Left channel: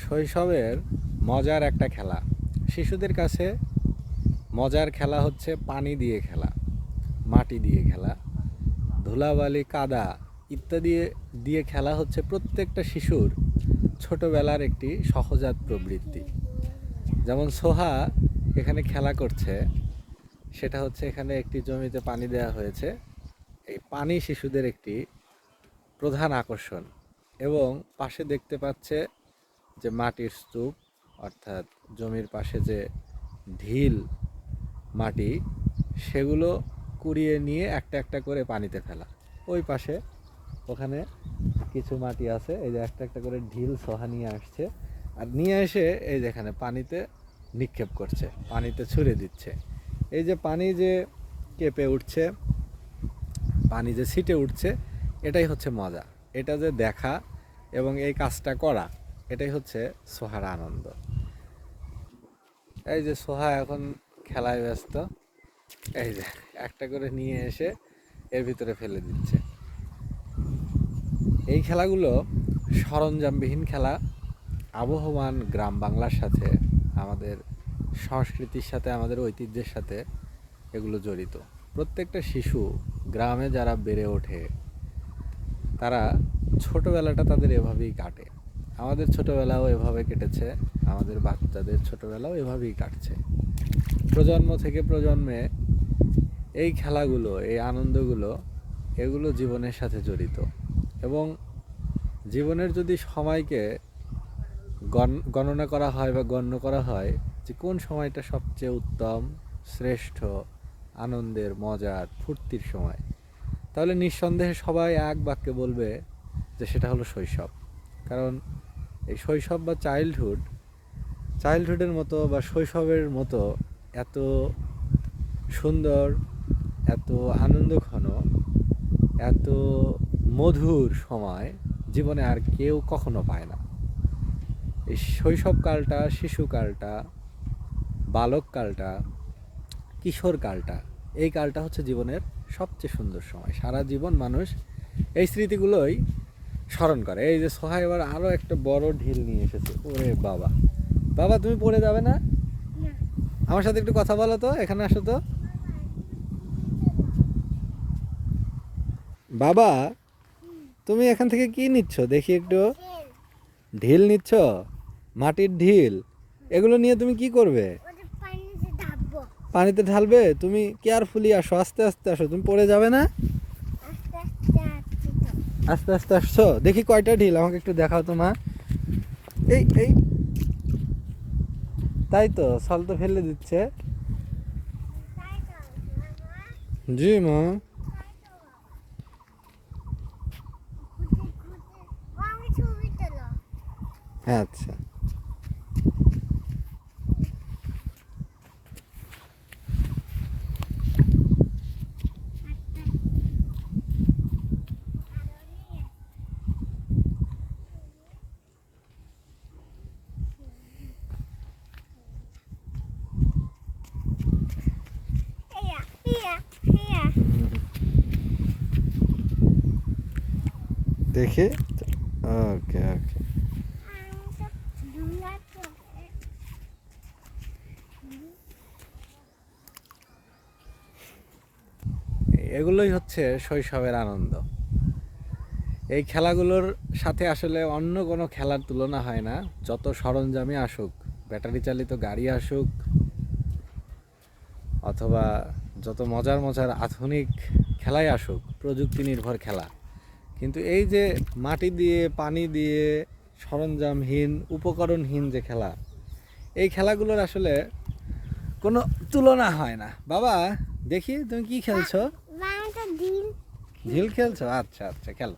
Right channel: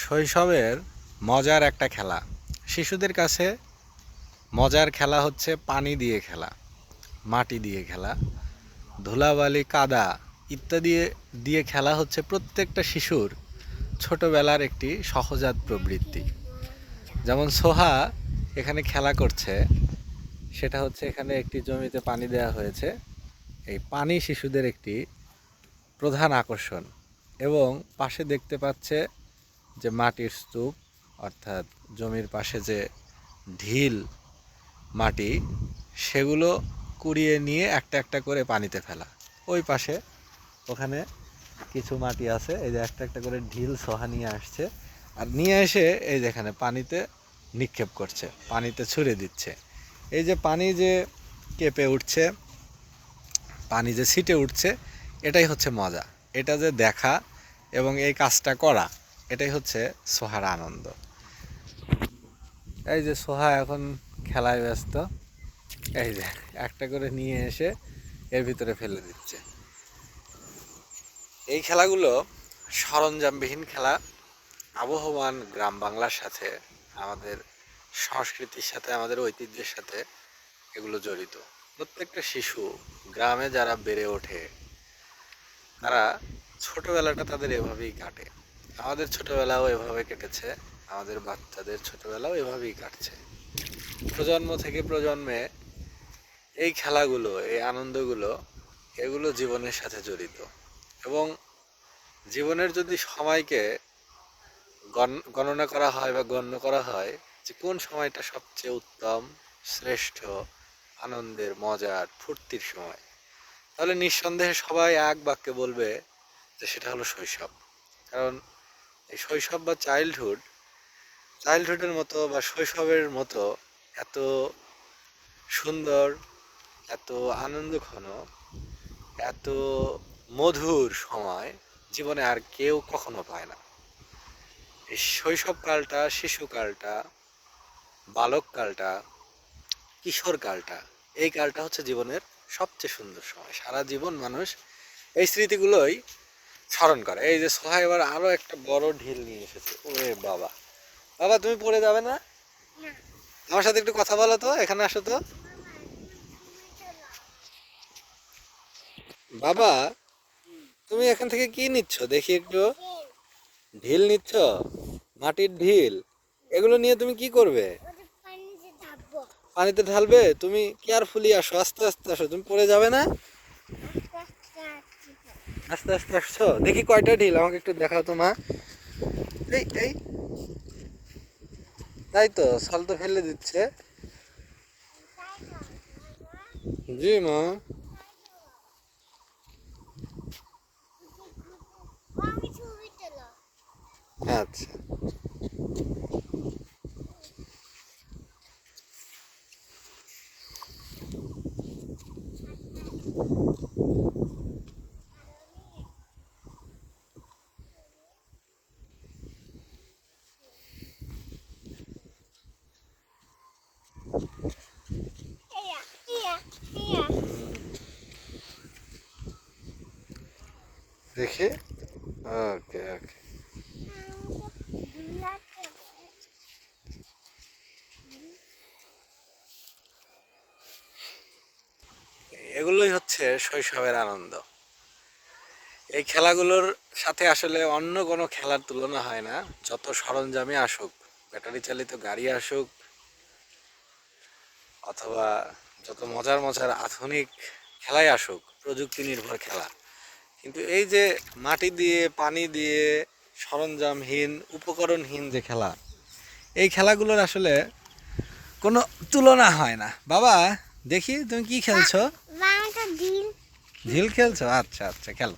শৈশবের মজার একটা খেলা। শিশুদের কাছে মজার খেলা হচ্ছে পানি দিয়ে খেলা, মাটি দিয়ে খেলা, ধুলাবালি, কাদা ইত্যাদি দিয়ে খেলা হচ্ছে প্রত্যেকটা শিশুর ছোটবেলার একটি সহজাত প্রবৃত্তি। যেমন সোহা এখানে খেলা করছে, সেটা হচ্ছে এখানে একটি জমিতে পানি দেওয়া হয়েছে। এই পানি শিশুদের একটি প্রধান আকর্ষণ। এবং পাশে দেখতে পাচ্ছে যে মাটির স্তূপ, অর্থাৎ জমির পাশে যে ঢিল মাটি, সেগুলো কুড়িয়ে নিয়ে একটা একটা করে পানিতে ফেলা। ওই পাশে ওখানে কিছু মাটি আছে, এই যে একটা একটা করে ঢিল সোহা নিয়ে আসছে, আর নিয়ে এসে এই যে এখানে পানিতে নিক্ষেপ করছে, পানিতে ছুঁড়ে দিচ্ছে। এই যে পানি যে কেঁপে উঠছে, পানি যে ছিটে উঠছে, এটাই হচ্ছে মজা। এটা যে দেখা এবং এই কাজটা করা, এটাই হচ্ছে সোহার আনন্দ। এই যে সোহা এখন খেলায় ব্যস্ত, এই যে একটা করে নিয়ে এসে এর ভিতরে ফেলে দিচ্ছে। এই খেলাগুলো সরঞ্জামবিহীন খেলা। আবহমান গ্রাম বাংলার সাথে, আমাদের সংস্কৃতির সাথে, আমাদের ঐতিহ্যের সাথে এগুলো জড়িত। প্রত্যেকটা শিশু গ্রামে যারা বেড়ে ওঠে, তারা ছোটোবেলাটা তাদের এভাবেই কাটে। আমাদের ছোটোবেলাও এভাবে কেটেছে, আমাদের বাচ্চাদের ছোটোবেলাও এভাবেই কাটছে। প্রজন্ম থেকে প্রজন্মে এই খেলাগুলো, এই আনন্দগুলো, এগুলো জীবনের সাথে জড়িত। এবং জীবনের যদি সময়কে গণনা করা হয় বা গণ্য করা হয় যে কোন সময়টা সবচেয়ে উত্তম, শ্রেষ্ঠ, আনন্দের, মজার, ফুর্তির সময়, তাহলে নিঃসন্দেহে সবাই এক বাক্যে বলবে যে সেটা হলো শৈশব। কারণ এই শৈশব বা চাইল্ডহুডের মতো বা শৈশবের মতো এত সুন্দর, এত আনন্দঘন, এত মধুর সময় জীবনে আর কেউ কখনো পায় না। এই শৈশবকালটা, শিশুকালটা, বালককালটা, কিশোরকালটা, এই কালটা হচ্ছে জীবনের সবচেয়ে সুন্দর সময়। সারা জীবন মানুষ এই স্মৃতিগুলোই স্মরণ করে। এই যে সোহা এবার আরও একটা বড় ঢিল নিয়ে এসেছে। ওরে বাবা, বাবা তুমি পড়ে যাবে না? আমার সাথে একটু কথা বলো তো, এখানে আসো তো। বাবা, তুমি এখান থেকে কি নিচ্ছ দেখি একটু? ঢিল নিচ্ছ? মাটির ঢিল। এগুলো নিয়ে তুমি কি করবে? পানিতে ঢালবে? তুমি কেয়ারফুলি আসো, আস্তে আস্তে আসো, তুমি পড়ে যাবে না? আস্তে আস্তে আসছো। দেখি কয়টা ঢিল, আমাকে একটু দেখাও তো মা। এই এই, তাই তো, সল তো ফেলে দিচ্ছে। জি মা। আচ্ছা, দেখি। ওকে ওকে। এগুলোই হচ্ছে শৈশবের আনন্দ। এই খেলাগুলোর সাথে আসলে অন্য কোনো খেলার তুলনা হয় না। যত সরঞ্জামে আসুক, ব্যাটারি চালিত গাড়ি আসুক, অথবা যত মজার মজার আধুনিক খেলাই আসুক, প্রযুক্তি নির্ভর খেলা, কিন্তু এই যে মাটি দিয়ে, পানি দিয়ে, সরঞ্জামহীন, উপকরণহীন যে খেলা, এই খেলাগুলোর আসলে কোনো তুলনা হয় না। বাবা, দেখি তুমি কি খেলছো? ঢিল খেলছো? আচ্ছা আচ্ছা, খেলো।